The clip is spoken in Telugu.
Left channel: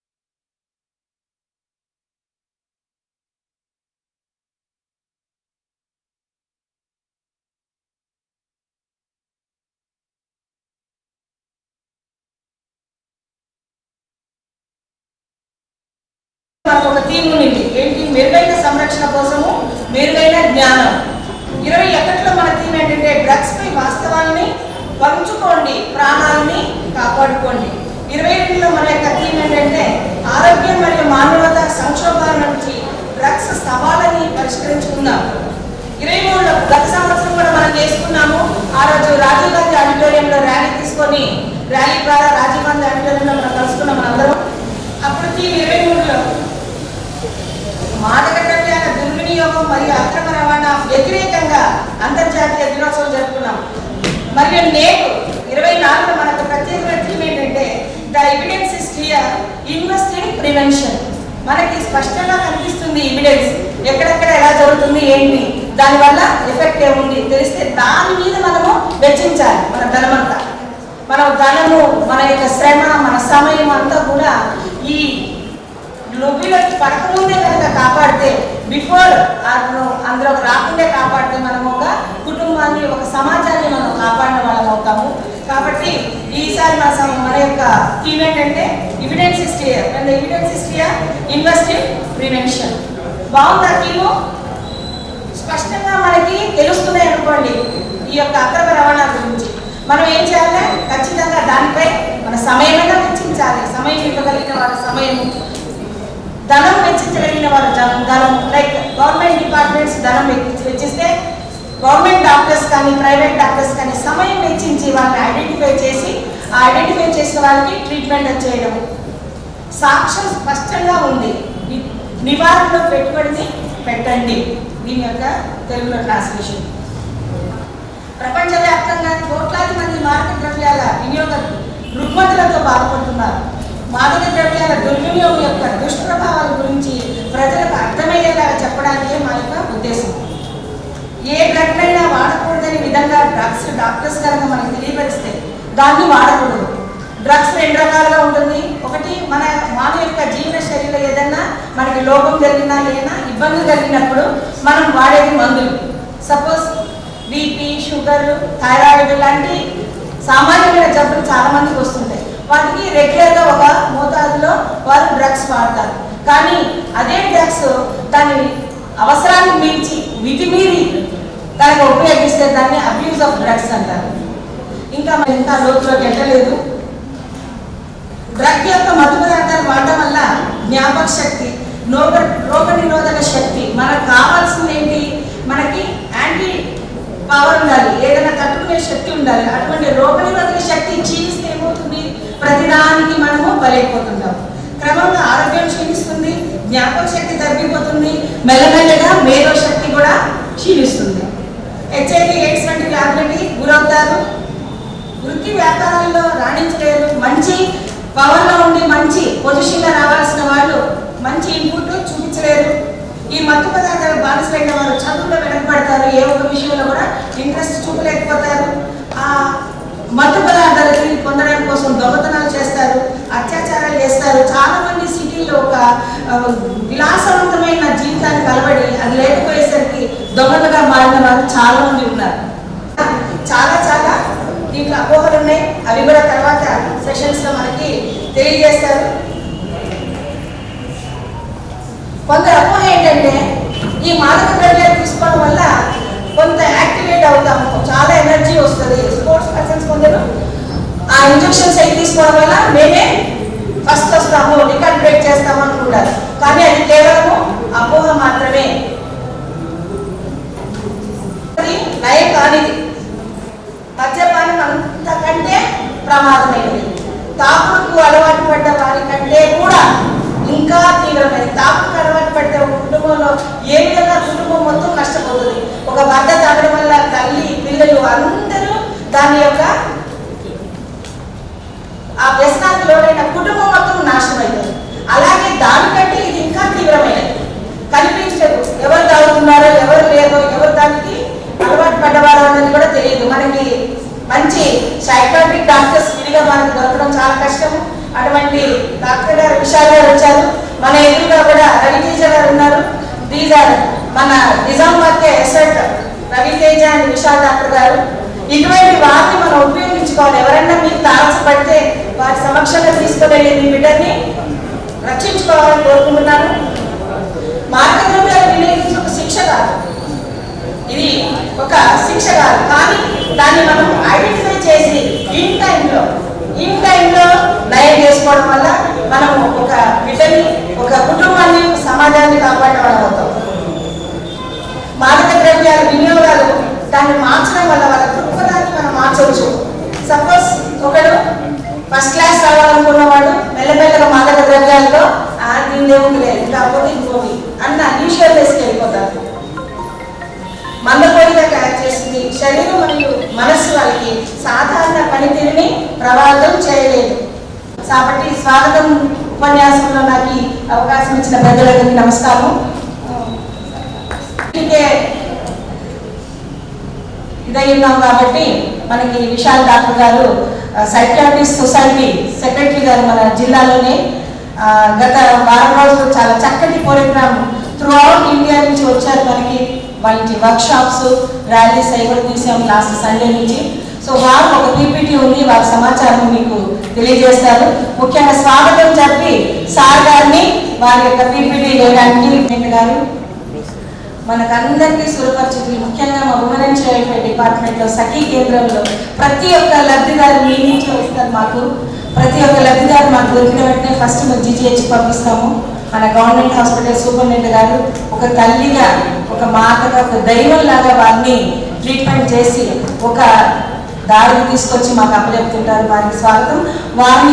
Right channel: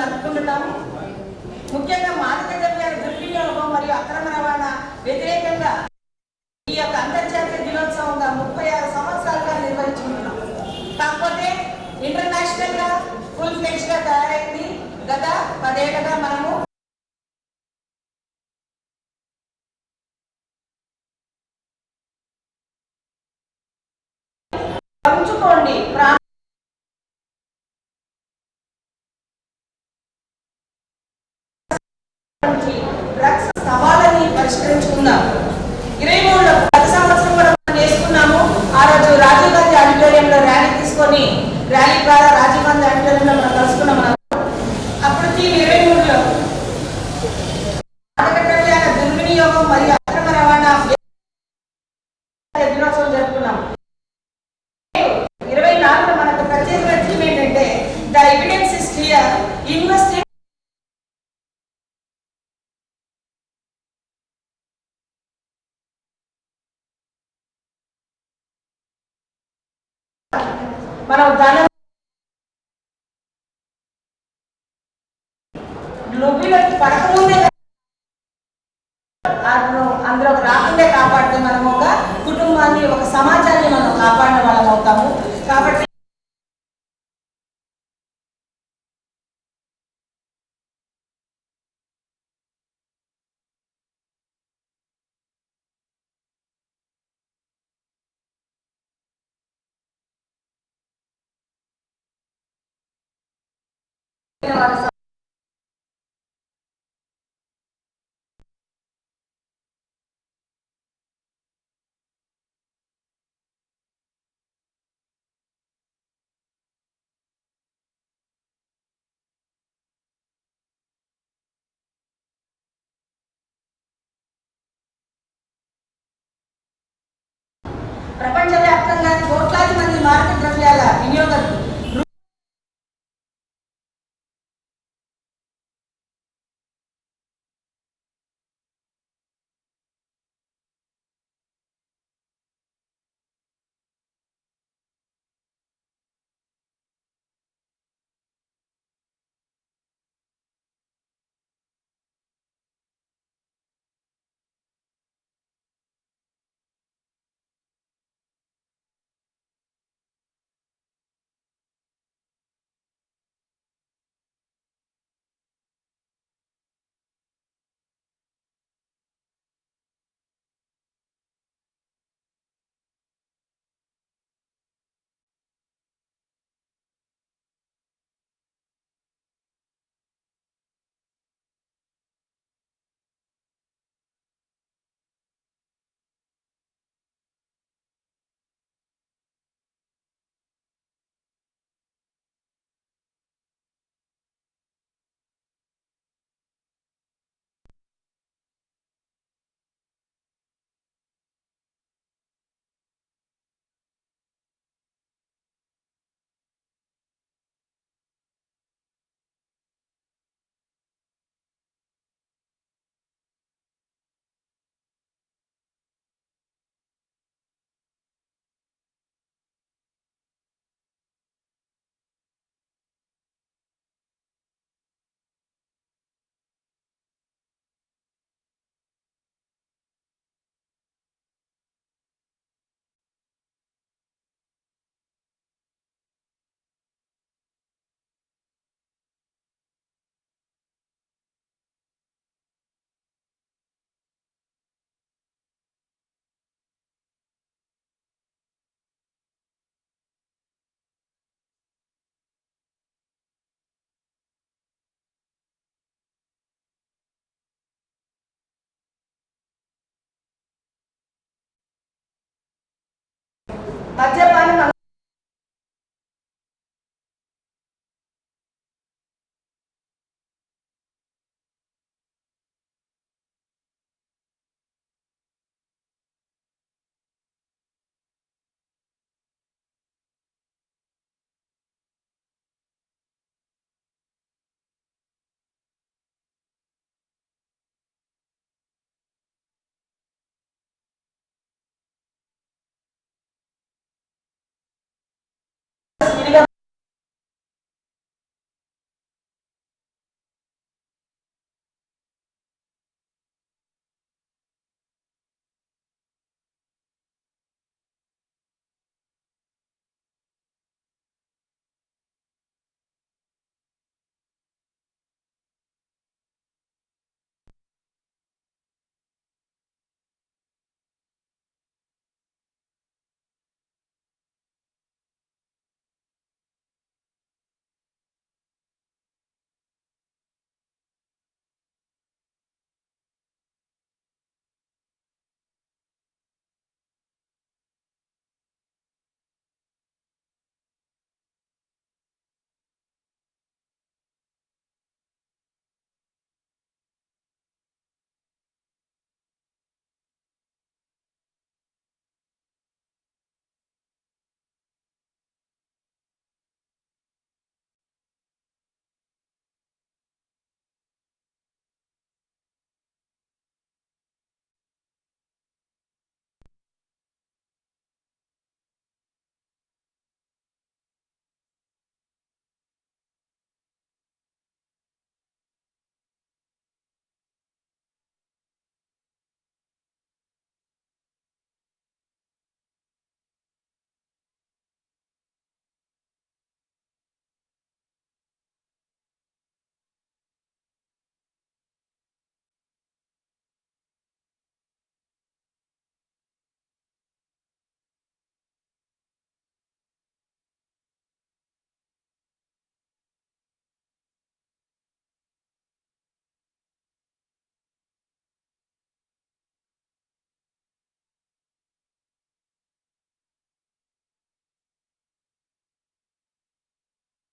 నడుపుకుంటున్నాము. ముఖ్యంగా మాదక ద్రవ్యాల దుర్వినియోగం మరియు అక్రమ రవాణా వ్యతిరేకంగా ఈ యొక్క అంతర్జాతీయ దినోత్సవంగా 36 సంవత్సరాలుగా నిర్వహించుకుంటున్నాం. కాకపోతే ఇంటర్నేషనల్ గా ఫుల్ ఫ్లెడ్జ్ గా తయారైంది. గత 10 ఏళ్లుగా మనకు ఒక థీమ్ ఉంది. ఏంటి? మెరుగైన సంరక్షణ కోసము మెరుగైన జ్ఞానం. 21లో మన థీమ్ ఏంటంటే డ్రగ్స్ పై వాస్తవాన్ని పంచుకోండి, ప్రాణాలని కాపాడుకోండి. 22లో మన యొక్క థీమ్ ఏంటంటే ఆరోగ్యం మరియు మానవత సంక్షోభాల నుంచి డ్రగ్స్ సవాళ్ళని పరిష్కరించుకుందాం. 23లో గత సంవత్సరం కూడా మనం చేసుకున్నాము. ఆ రోజు రాజీవ్ గాంధీ ఆడిటోరియంలో ర్యాలీ తీసుకొని ర్యాలీ ద్వారా రాజీవ్ గాంధీ ఆడిటోరియంలో మనం కలుసుకున్నాం మనందరం. అప్పుడు థీమ్ 23లో మాదక ద్రవ్యాల దుర్వినియోగం మరియు అక్రమ రవాణా వ్యతిరేకంగా అంతర్జాతీయ దినోత్సవం జరుపుకున్నాం. మరియు నేడు 24లో మనకు ప్రత్యేకమైన థీమ్ ఏంటంటే the evidence is clear, invest in prevention. మనకి స్పష్టంగా కనిపిస్తుంది ఎవిడెన్స్, ఎక్కడెక్కడ ఎలా జరుగుతుంది, ఏంటి, దానివల్ల ఎఫెక్ట్ ఏముంది తెలిస్తే దాని మీద మనము వెచ్చించాలి. మన ధనమంతా, మన ధనము, మన యొక్క శ్రమ, మన సమయం అంతా కూడా ఈ లుబిలోకి పడకముందే కనుక కాపాడితే, బిఫోర్ అందులో రాకుండా కాపాడితే మనం ఒక కుటుంబాన్ని, ఒక సమాజాన్ని మనం కాపాడిన వాళ్ళం అవుతాము. కాబట్టి ఈసారి మన యొక్క థీమ్ ఏంటంటే evidence is clear, and evidence is clear, invest in prevention. బాగుందా థీము? స్పష్టంగా మనకి తెలుస్తున్నాయి అనుకోండి ఈ యొక్క అక్రమ రవాణా గురించి. మనం ఏం చేయాలి? ఖచ్చితంగా దానిపై మన సమయమైనా వెచ్చించాలి. సమయం ఇవ్వగలిగిన వారి సమయం, ధనం వెచ్చించగలిగిన వారు ధనం, లైక్ గవర్నమెంట్ డిపార్ట్మెంట్స్ ధనం వెచ్చిస్తే గవర్నమెంట్ డాక్టర్స్ కానీ ప్రైవేట్ డాక్టర్స్ కానీ సమయం వెచ్చించి వాళ్ళని ఐడెంటిఫై చేసి ఆ ఐడెంటిఫై చేసిన వాళ్ళకి ట్రీట్మెంట్ చేయడం. సాక్ష్యం స్పష్టంగా ఉంది. నివారణలో పెట్టుబడిని పెట్టండి. దీని యొక్క తెలుగులో ట్రాన్స్లేషన్. ప్రపంచవ్యాప్తంగా కోట్లాది మంది మాదక ద్రవ్యాల వినియోగకులు రుగ్మతులతో బాధపడుతున్నారు. మాదక ద్రవ్యాల దుర్వినియోగం యొక్క దుష్ప్రభావాల గురించి ప్రజలకు అర్థమయ్యేలాగా చెప్పడానికే మా యొక్క ఉద్దేశం. ఏ డ్రగ్ అయినా వాడకూడదని విధంగా డాక్టర్స్ కనుక మనకు తెలియపరిస్తే దాన్ని వాడకూడదు. డ్రగ్స్ 2 రకాలుగా ఉంటుంది. ఒకటి, మన యొక్క జీవన శైలిలో ఏదైనా మనకి లోపం జరిగినా ఏదైనా ఇబ్బంది కలిగినప్పుడు మనం వాడేది మందులు. సపోజ్ బీపీ, షుగర్, థైరాయిడ్ లాంటి సామాన్యమైన జబ్బులు చాలా మందికి వస్తుంటాయి. వాటికి రెగ్యులర్గా ఒక మోతాదులో వారు డ్రగ్స్ వాడతారు. కానీ అదే డ్రగ్స్ దాని అవసరాన్ని మించి మితిమీరి దానికి ఉపయోగిస్తే దాన్ని అబ్యూజ్ ఆఫ్ డ్రగ్స్ అంటారు. ఇంకా లోతులోకి వెళ్ళలేదు. డ్రగ్ యొక్క మత్తు పదార్థాలు వాడడం వల్ల జ్ఞాపక శక్తి, రోగ నిరోధక శక్తి, మనకు కావాల్సింది ఏంటి? మనకి యాంటీ పవర్ ఉండాలి, ఏదైనా తట్టుకునే శక్తి ఉండాలి. అటువంటి రోగ నిరోధక శక్తి క్షీణిస్తే ఏమవుతుంది? ప్రతిదానికి మనము బలైపోతుంటాం. క్రమంగా ఆరోగ్యం క్షీణిస్తుంది, జ్ఞాపక శక్తి తగ్గిపోతుంది, మెల్లమెల్లగా మేధో శక్తి కూడా క్షీణిస్తుంది. హెచ్ఐవి ఎయిడ్స్ వంటి వ్యాధులకి గురవుతారు. వృత్తి వ్యాపారాల్లో రాణించలేరు. మంచి పవర్లో ఉండి మంచి పొజిషన్లో రావాల్సిన వాళ్ళు మంచి ఇన్పుట్ చూపించలేరు. ఈ మత్తు పదార్థాలు బానిసలైన వారు చదువులో వెనకబడతారు. ఏ ఒక్క విషయంలో కూడా ఇంట్రెస్ట్ చూపలేకపోతారు. ఆ మత్తు పదార్థాలకి పొందడానికి కోసం దొంగతనాలు చేస్తారు, అత్యాచారాలు చేస్తారు. చాలా మంది సిటీలో ఒక విలాసవంతమైన జీవితానికి అలవడి అది లేకపోయేసరికి దొంగలుగా మారిన వారు చాలా మంది ఉన్నారు. చాలా చాలా దీంట్లో అపోహలు ఉన్నాయి. అవి కూడా తర్వాత సెషన్స్లో మనకి తెలియజేస్తారు. కొందరు అపోహ ఏంటంటే ఈ మాదక ద్రవ్యాలు తీసుకోవడం వల్ల కొంత యాక్టివేట్ అవుతాము, చాలా ఎనర్జీ వస్తుంది. స్పోర్ట్స్ పర్సన్స్ కొందరు ఆ ఇంజెక్షన్స్ అవి తీసుకోవడం వల్ల మేమే ఫస్ట్ వస్తాము, రికార్డ్ బ్రేక్ చేస్తాము అనుకుంటారు. కానీ అది కేవలము అపోహ మాత్రమే. అది నయ కానిది. మద్యపానం అంతకంటే ప్రమాదమైనది. తాగుడుకు అలవాటు పడ్డ వారి కంటే కూడా ఇంకా తీవ్రమైనది. తాగుడుకు అలవాటు పడ్డ కుటుంబంలో ఏ విధంగా కుటుంబం మొత్తం నష్టపోతుంది. ఒక భర్త తాగడం వల్ల తల్లి, పిల్లలు అందరూ దాని యొక్క ఆ వ్యసనానికి లోనైన కుటుంబం మొత్తం నాశనం అవుతుంది. అలాగే దానికంటే ఇది ఇంకా తీవ్రమైనది. కనిపించలేదు, ఎవరు తాగుతున్నారో ఎవరు లేదో, ఎవరు దానికి అలవాటు పడ్డవారో అన్నది కూడా తెలియదు. మనకి మంచి సైకాట్రిక్ డాక్టర్స్ విడిగా మనకు దొరకడం చాలా కష్టము. అటువంటి డాక్టర్ గారు విశాల్ గారు వచ్చారు. మన ఎదురుగా కూడా రవితేజ గారు ఉన్నారు. దీస్ ఆర్ మన నిజామాబాద్ ఎస్ఎట్ రవితేజ అండ్ విశాల్ డాక్టర్ గారు. ఇటువంటి వారిని మనం ఉపయోగించుకోవాలి. ఎవరైనా మీకు తారసపడితే వారి సమక్షంలో తీసుకువెళ్ళి మీ బిడ్డని రక్షించుకోవాలని కోరుకుంటున్నాను. మార్గద్రవ్యాలు వినియోగించి ఒక శిక్ష కాదు, ఇది ఒక శిక్ష కాదు, కానీ దాన్ని మనం ఐడెంటిఫై చేసి ఇన్ టైంలో నయం చేసుకోవడం వల్ల మనం ఒక బిడ్డని, ఒక కుటుంబాన్ని, సమాజాన్ని కాపాడడం అవుతాం. మాదక ద్రవ్యాల వినియోగాలు దాన్ని మార్చడం వల్ల వాళ్ళ దృక్పథాన్ని మనం మార్చవచ్చు. సపోజ్ ఒకడు ఫస్ట్ క్లాస్ రావాలనుకున్నవాడు మెల్లమెల్లగా మాదక ద్రవ్యాల్లో దీని ఏముంది లేదు కాకపోతే ఇంకోటి అన్న న్యూషియల్ వేసుకు వెళ్ళిపోతారు. మందకోడిగా తయారు చేస్తుంది. శరీరం మరియు మనస్సు వాళ్ళకి సాధారణ పనితీరుని ప్రభావితం చేయలేదు. కాబట్టి స్వాగతం ఉపన్యాసంలో నాకు ఈ అవకాశం ఇచ్చిన పెద్దలందరికీ నమస్కారం. ఇదై ఉన్నాం కాబట్టి మనకి విశాల్ డాక్టర్ గారు సైకియాట్రిస్ట్ సొసైటీ సెక్రటరీ గారు మన జిల్లాలోనే గత వారం రోజులు చాలా చక్కటి ప్రోగ్రామ్ త్రూ అవుట్ ఇండియా నుంచి వచ్చారు. మనకి వాళ్ళకి వర్క్ షాప్స్, ర్యాలీస్ అవి తీసాం లాస్ట్ సండే నుంచి. సో వారు ఒక పీపీటీ ఉంది, వారి సమాచారం మీకు తెలియజేస్తారు. ముఖ్యంగా స్వాగతం చెప్పి సార్ గారిని వారి యొక్క పీపీటీ వేయడానికి గారు మనకందరికీ సురపరిచితులు. ముఖ్యంగా మా ఉమెన్ అండ్ చైల్డ్ వెల్ఫేర్ డిపార్ట్మెంట్లో సఖీ కేంద్రంలో ప్రతి ఒక్క లబ్ధిదారు మీ నుంచి వస్తారు. మాకు ప్రతి ఒక్క లబ్ధిదారు మాకు దొరికిన వెంటనే ఫస్ట్ మేము జీజీహెచ్ పంపిస్తాము. మన గవర్నమెంట్ హాస్పిటల్ సూపరింటెండెంట్ గారు ఒక తల్లిగా, ఒక మాతగా, ఒక దైవంలాగా వారిని ట్రీట్మెంట్ చేసి ఒక దారికి తీసుకొచ్చి మాకు అప్పచెప్తుంటారు. వారికి స్వాగతం. వారిని